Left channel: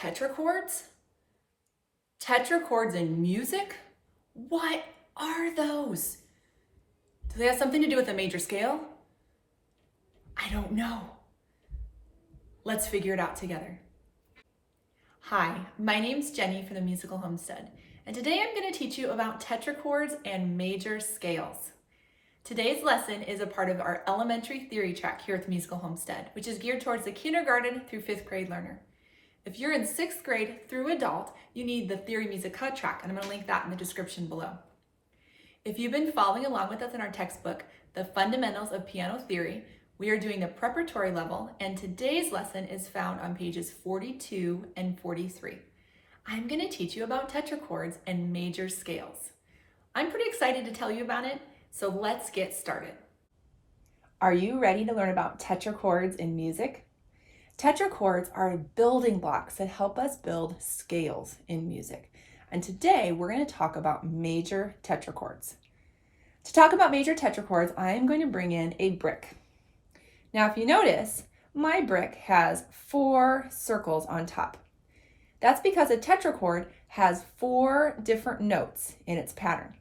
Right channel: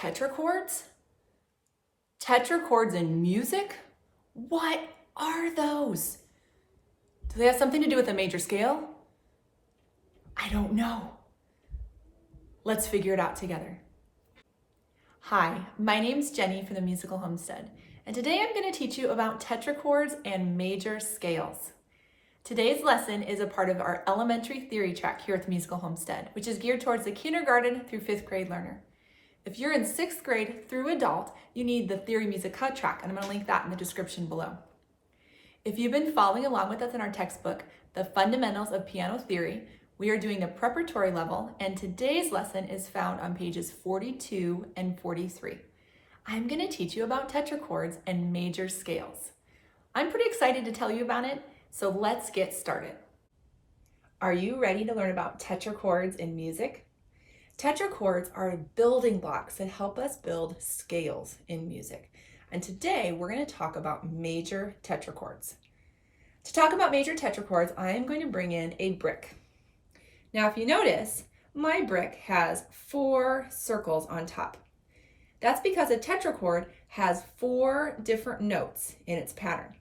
Tetrachords? Tetrachords in music? What are those? Do they have something to do with a major scale? I don't know. Let's figure it out together. Hi, my name's Jenny from the Musical Homestead, and today I'm going to teach you about tetrachords and major scales. Today's lesson is a part of our elementary theory track here at the Musical Homestead, which is geared towards the kindergarten through 5th grade learner. If you're in 6th grade through adult, you need the Theory Musica Track, and I'm going to link that in the description below. If you've been following along with us in our textbook, The Fundamentals of Piano Theory, we are doing the preparatory level, and today's lesson is found on pages 42 and 43. I'm going to teach you about tetrachords and major scales. I'm pretty excited to tell you about it, so let's get started. Are you ready to learn about tetrachords in music? Tetrachords are building blocks that help us build scales in music. And today we're going to talk about major tetrachords. To talk about major tetrachords, I am going to bring in a brick. Now, if you notice, my brick has 4 circles on top. That's because a tetrachord has 4 different notes in its pattern.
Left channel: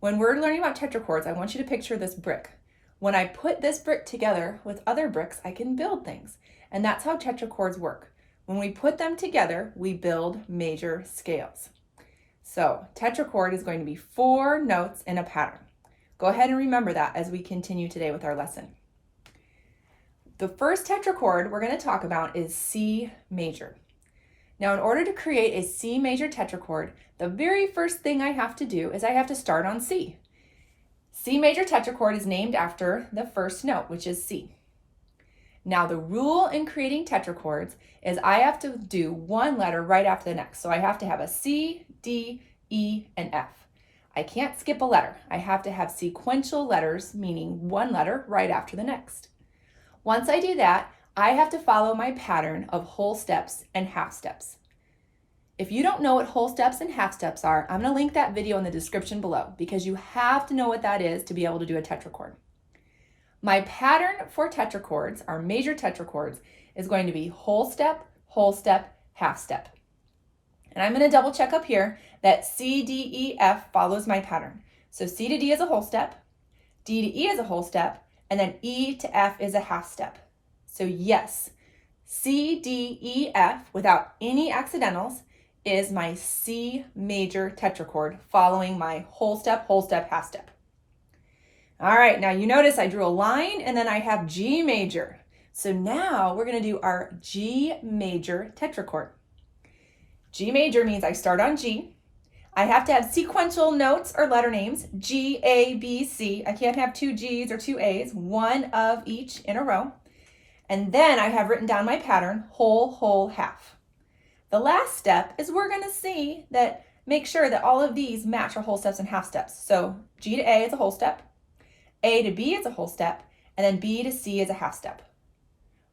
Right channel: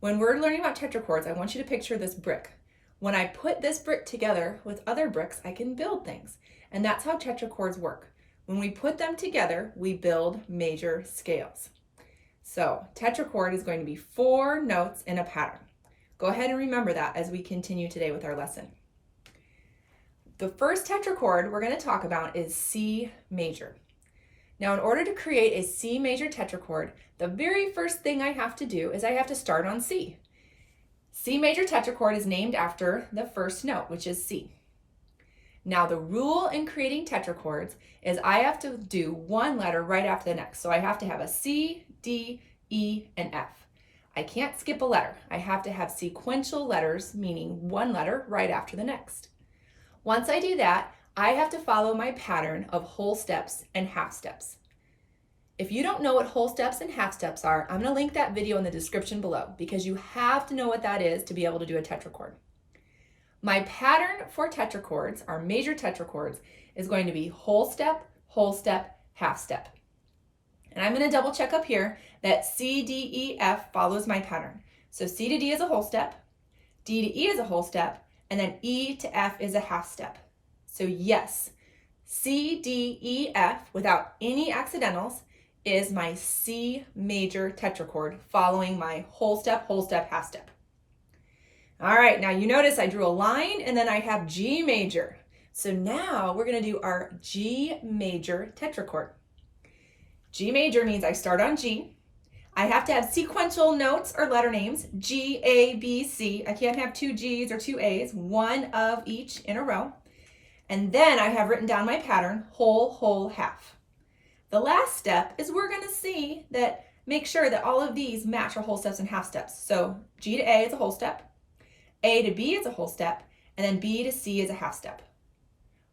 When we're learning about tetrachords, I want you to picture this brick. When I put this brick together with other bricks, I can build things. And that's how tetrachords work. When we put them together, we build major scales. So tetrachord is going to be 4 notes in a pattern. Go ahead and remember that as we continue today with our lesson. The first tetrachord we're going to talk about is C major. Now, in order to create a C major tetrachord, the very first thing I have to do is I have to start on C. C major tetrachord is named after the first note, which is C. Now, the rule in creating tetrachords is I have to do one letter right after the next. So I have to have a C, D, E, and F. I can't skip a letter. I have to have sequential letters, meaning one letter right after the next. Once I do that, I have to follow my pattern of whole steps and half steps. If you don't know what whole steps and half steps are, I'm going to link that video in the description below because you have to know what that is to be able to do a tetrachord. My pattern for tetrachords, our major tetrachords, is going to be whole step, half step. And I'm going to double check up here that C, D, E, F follows my pattern. So C to D is a whole step, D to E is a whole step, and then E to F is a half step. So yes, C, D, E, F without any accidentals is my C major tetrachord following my whole step, half step. All right, now you notice I drew a line and then I have G major. So now we're going to do our G major tetrachord. G major means I start on G. I have to have sequential notes or letter names, G, A, B, C. I can't have 2 G's or 2 A's, one of each in a row. And then I have written down my pattern, whole, half. The last step is we're going to see that, make sure that all of these match our whole steps and half steps. So G to A is a whole step, A to B is a whole step, and then B to C is a half step.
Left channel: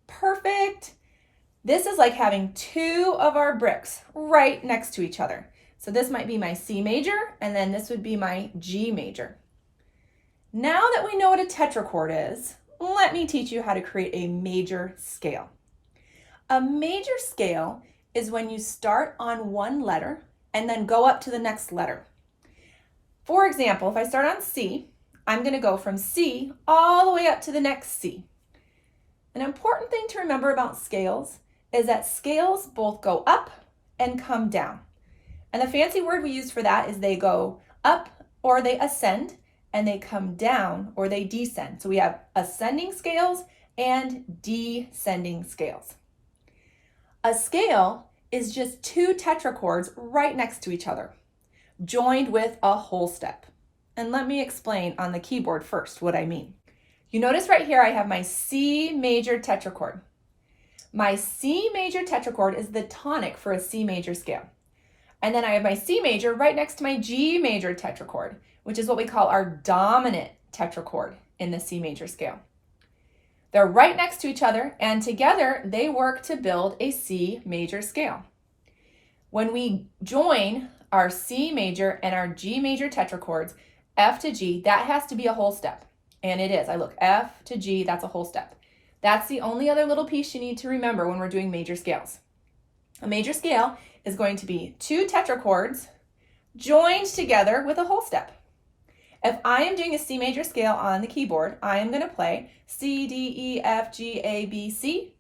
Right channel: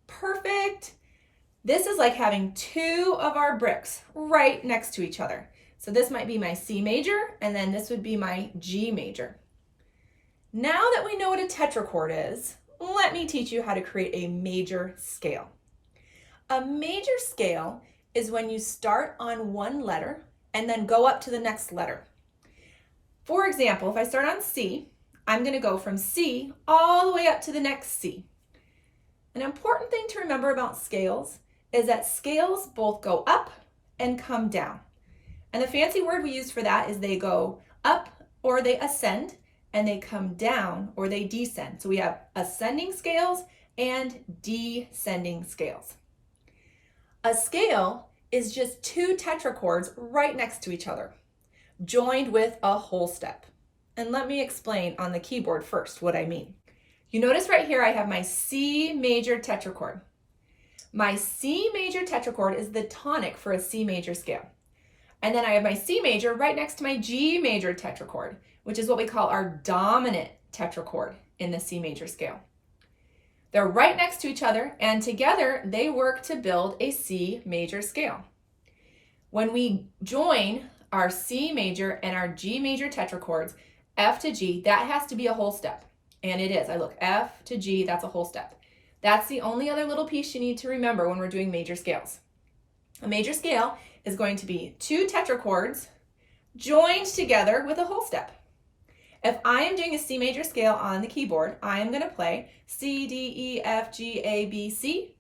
Perfect. This is like having 2 of our bricks right next to each other. So this might be my C major, and then this would be my G major. Now that we know what a tetrachord is, let me teach you how to create a major scale. A major scale is when you start on one letter and then go up to the next letter. For example, if I start on C, I'm going to go from C all the way up to the next C. An important thing to remember about scales is that scales both go up and come down. And the fancy word we use for that is they go up or they ascend, and they come down or they descend. So we have ascending scales and descending scales. A scale is just 2 tetrachords right next to each other, joined with a whole step. And let me explain on the keyboard first what I mean. You notice right here I have my C major tetrachord. My C major tetrachord is the tonic for a C major scale. And then I have my C major right next to my G major tetrachord, which is what we call our dominant tetrachord in the C major scale. They're right next to each other, and together they work to build a C major scale. When we join our C major and our G major tetrachords, F to G, that has to be a whole step. And it is. I look F to G, that's a whole step. That's the only other little piece you need to remember when we're doing major scales. A major scale is going to be 2 tetrachords joined together with a whole step. If I am doing a C major scale on the keyboard, I am going to play C, D, E, F, G, A, B, C,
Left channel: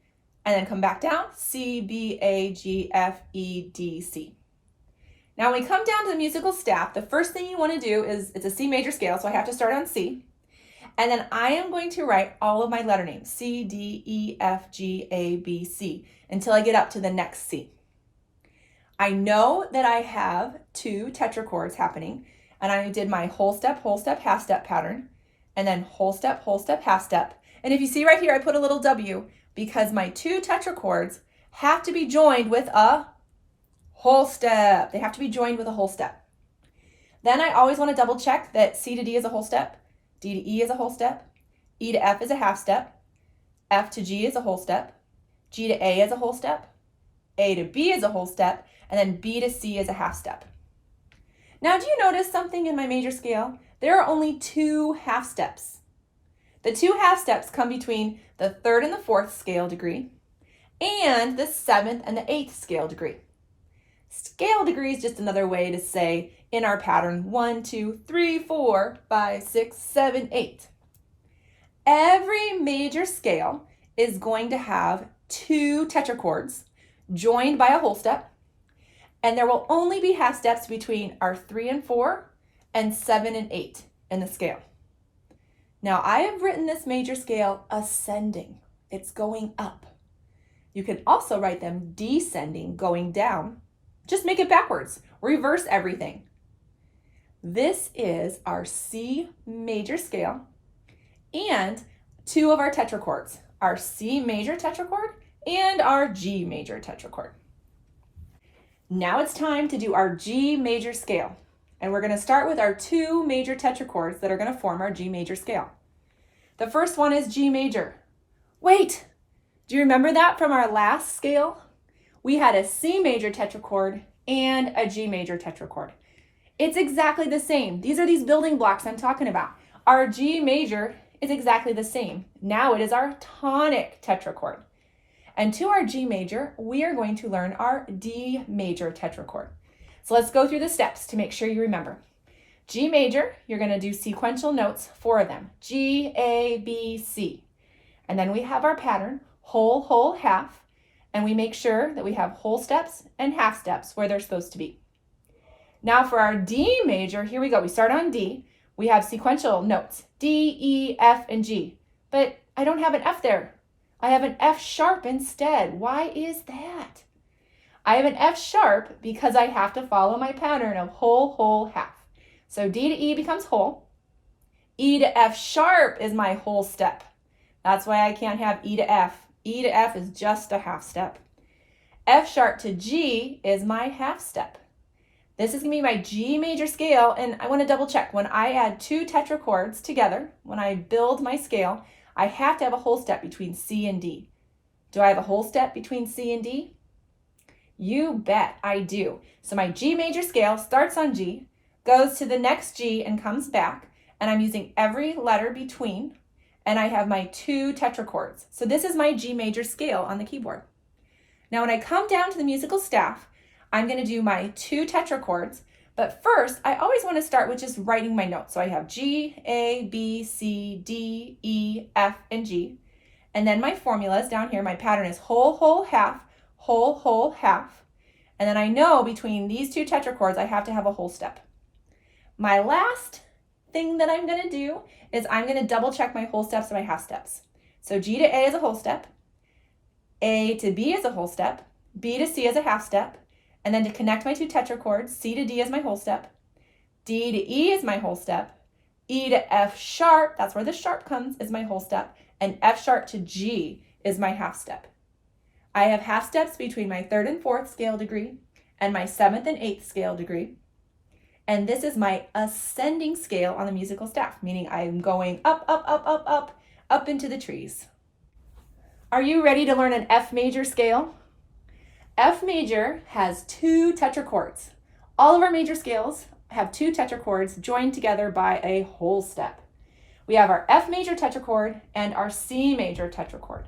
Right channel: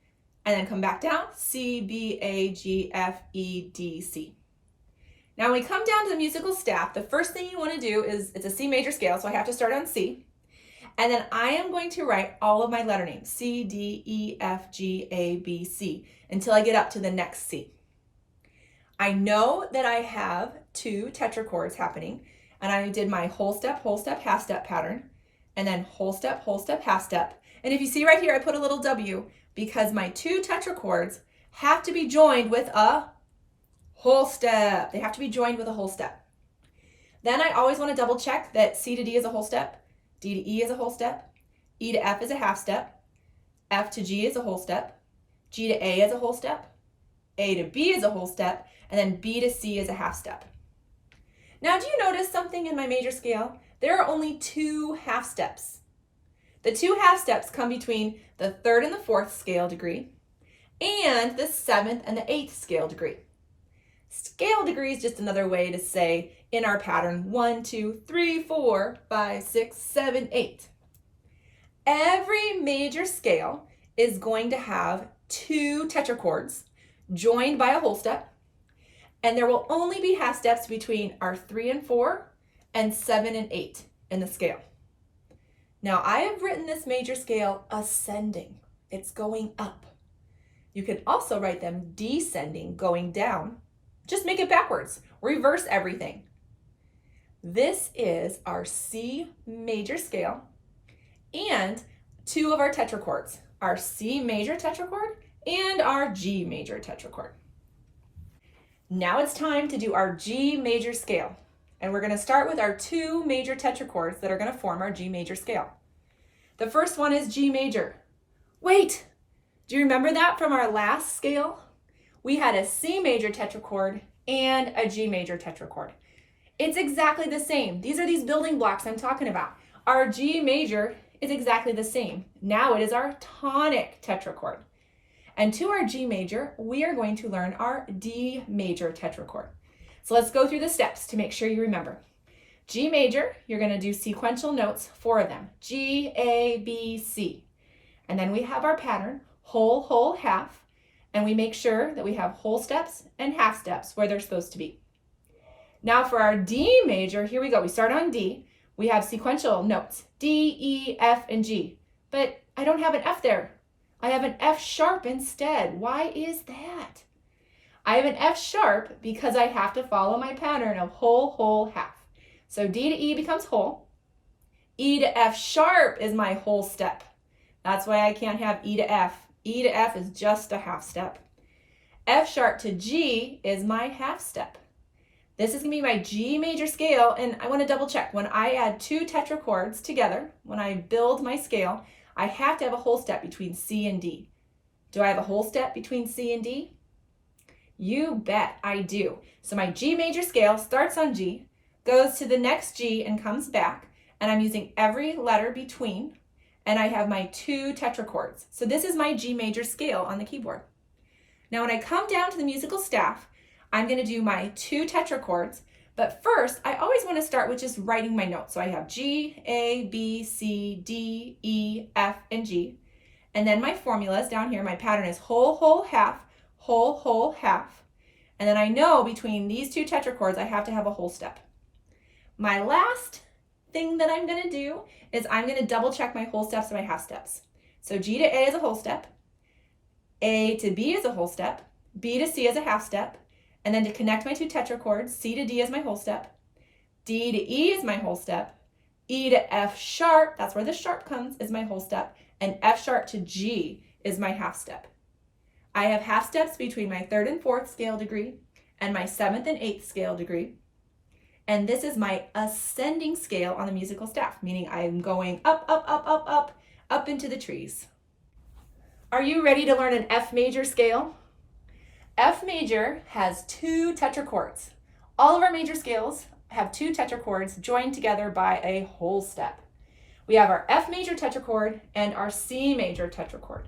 and then come back down, C, B, A, G, F, E, D, C. Now when we come down to the musical staff, the first thing you want to do is, it's a C major scale, so I have to start on C. And then I am going to write all of my letter names, C, D, E, F, G, A, B, C, until I get up to the next C. I know that I have 2 tetrachords happening, and I did my whole step, half step pattern, and then whole step, half step. And if you see right here, I put a little W because my 2 tetrachords have to be joined with a whole step. They have to be joined with a whole step. Then I always want to double check that C to D is a whole step, D to E is a whole step, E to F is a half step, F to G is a whole step, G to A is a whole step, A to B is a whole step, and then B to C is a half step. Now, do you notice something in my major scale? There are only 2 half steps. The 2 half steps come between the 3rd and the 4th scale degree and the 7th and the 8th scale degree. Scale degree is just another way to say in our pattern 1, 2, 3, 4, 5, 6, 7, 8. Every major scale is going to have 2 tetrachords joined by a whole step, and there will only be half steps between our 3 and 4 and 7 and 8 in the scale. Now I have written this major scale ascending. It's going up. You can also write them descending, going down. Just make it backwards. Reverse everything. This is our C major scale and 2 of our tetrachords, our C major tetrachord and our G major tetrachord. Now it's time to do our G major scale. And we're going to start with our 2 major tetrachords that are going to form our G major scale. The first one is G major. Wait, do you remember that from our last scale? We had a C major tetrachord and a G major tetrachord. It's exactly the same. These are these building blocks I'm talking about. Our G major is exactly the same. Now it is our tonic tetrachord. And to our G major, we are going to learn our D major tetrachord. So let's go through the steps to make sure you remember. G major, you're going to do sequential notes, 4 of them. G, A, B, C. And then we have our pattern, whole, half. And we make sure that we have whole steps and half steps where they're supposed to be. Now for our D major, here we go. We start on D. We have sequential notes, D, E, F, and G. But I don't have an F there. I have an F sharp instead. Why is that? I have an F sharp because I have to follow my pattern of whole, half. So D to E becomes whole. E to F sharp is my whole step. That's why I can't have E to F. E to F is just a half step. F sharp to G is my half step. This is going to be my G major scale, and I want to double check. When I add 2 tetrachords together, when I build my scale, I have to have a whole step between C and D. Do I have a whole step between C and D? You bet I do. So my G major scale starts on G, goes to the next G and comes back, and I'm using every letter between, and I have my 2 tetrachords. So this is my G major scale on the keyboard. Now when I come down to the musical staff, I'm going to do my 2 tetrachords, but first I always want to start with just writing my notes. So I have G, A, B, C, D, E, F, and G. And then my formulas down here, my pattern is whole, half, whole, half. And then I know between these 2 tetrachords I have to have a whole step. My last thing that I'm going to do is I'm going to double check my whole steps and my half steps. So G to A is a whole step, A to B is a whole step, B to C is a half step, and then to connect my 2 tetrachords, C to D is my whole step, D to E is my whole step, E to F sharp, that's where the sharp comes, is my whole step, and F sharp to G is my half step. I have half steps between my 3rd and 4th scale degree and my 7th and 8th scale degree. And this is my ascending scale on the musical staff, meaning I'm going up into the trees. Are you ready to learn an F major scale? F major has 2 tetrachords. All of our major scales have 2 tetrachords joined together by a whole step. We have our F major tetrachord and our C major tetrachord.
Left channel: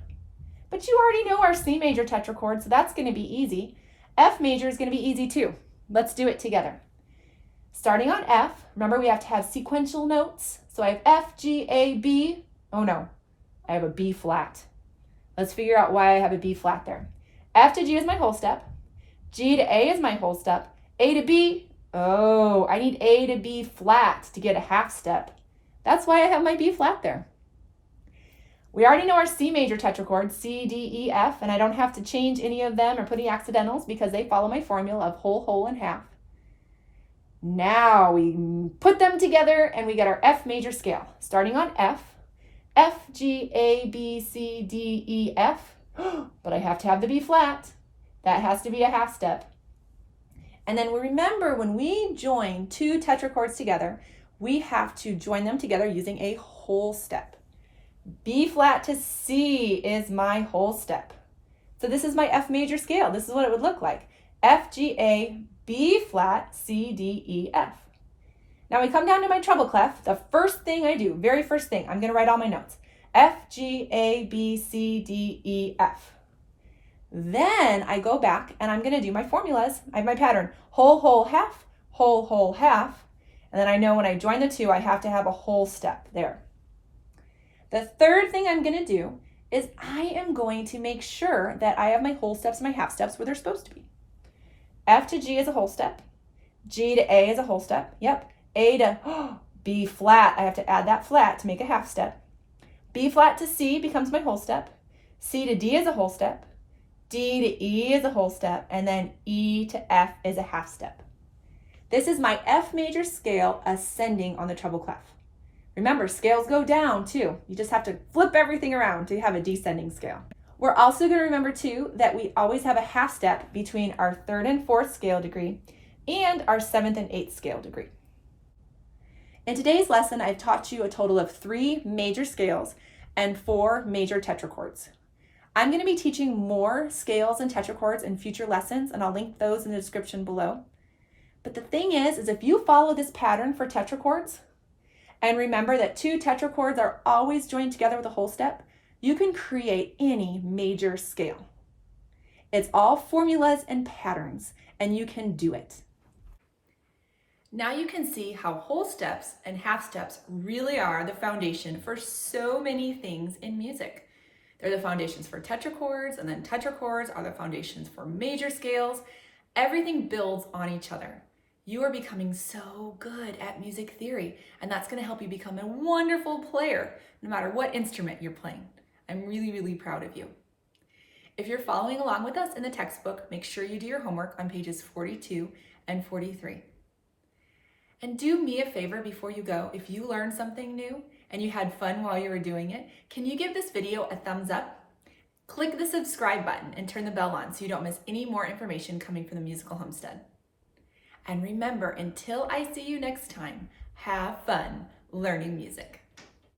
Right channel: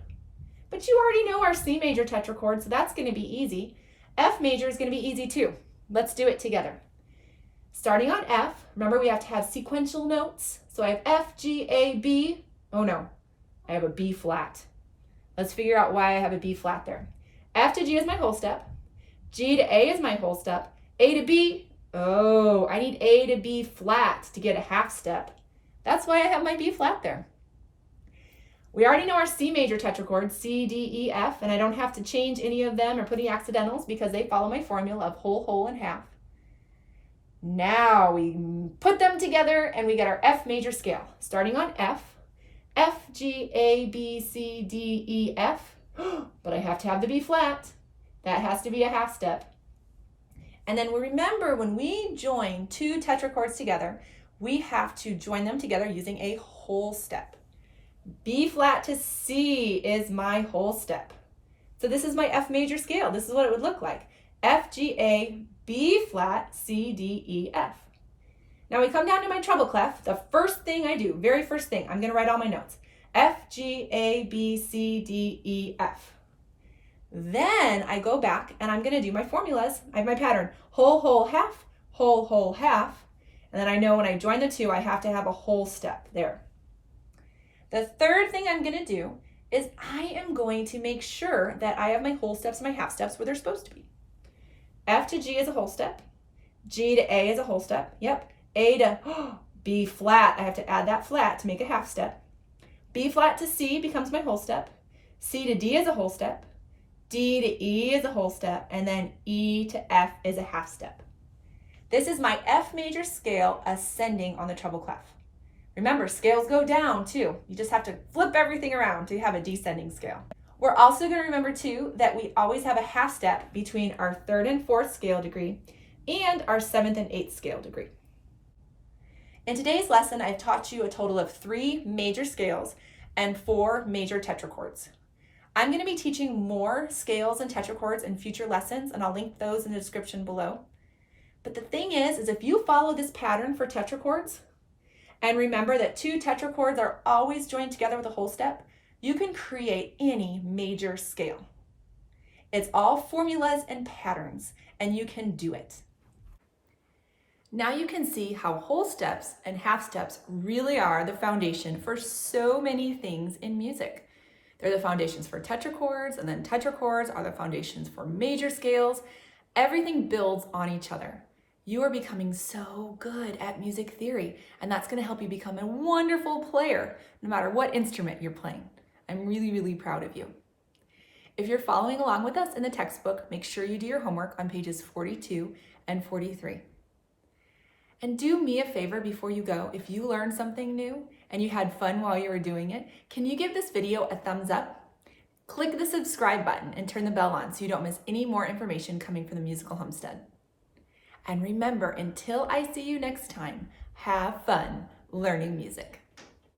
But you already know our C major tetrachord, so that's going to be easy. F major is going to be easy too. Let's do it together. Starting on F, remember we have to have sequential notes. So I have F, G, A, B. Oh no, I have a B flat. Let's figure out why I have a B flat there. F to G is my whole step. G to A is my whole step. A to B, oh, I need A to B flat to get a half step. That's why I have my B flat there. We already know our C major tetrachords, C, D, E, F, and I don't have to change any of them or put any accidentals because they follow my formula of whole, whole, and half. Now we put them together and we get our F major scale. Starting on F, F, G, A, B, C, D, E, F. But I have to have the B flat. That has to be a half step. And then we remember when we join two tetrachords together, we have to join them together using a whole step. B flat to C is my whole step. So this is my F major scale. This is what it would look like. F, G, A, B flat, C, D, E, F. Now we come down to my treble clef. The first thing I do, very first thing, I'm going to write all my notes. F, G, A, B, C, D, E, F. Then I go back and I'm going to do my formulas. I have my pattern, whole, whole, half, whole, whole, half. And then I know when I join the two, I have to have a whole step there. The third thing I'm going to do is I am going to make sure that I have my whole steps and my half steps where they're supposed to be. F to G is a whole step. G to A is a whole step. Yep. A to B flat. I have to add that flat to make a half step. B flat to C becomes my whole step. C to D is a whole step. D to E is a whole step. And then E to F is a half step. This is my F major scale ascending on the treble clef. Remember, scales go down too. You just have to flip everything around to have a descending scale. We're also going to remember too that we always have a half step between our third and fourth scale degree and our seventh and eighth scale degree. In today's lesson, I've taught you a total of 3 major scales and 4 major tetrachords. I'm going to be teaching more scales and tetrachords in future lessons, and I'll link those in the description below. But the thing is if you follow this pattern for tetrachords, and remember that 2 tetrachords are always joined together with a whole step, you can create any major scale. It's all formulas and patterns, and you can do it. Now you can see how whole steps and half steps really are the foundation for so many things in music. They're the foundations for tetrachords, and then tetrachords are the foundations for major scales. Everything builds on each other. You are becoming so good at music theory, and that's going to help you become a wonderful player, no matter what instrument you're playing. I'm really, really proud of you. If you're following along with us in the textbook, make sure you do your homework on pages 42 and 43. And do me a favor before you go. If you learned something new and you had fun while you were doing it, can you give this video a thumbs up? Click the subscribe button and turn the bell on so you don't miss any more information coming from the Musical Homestead. And remember, until I see you next time, have fun learning music.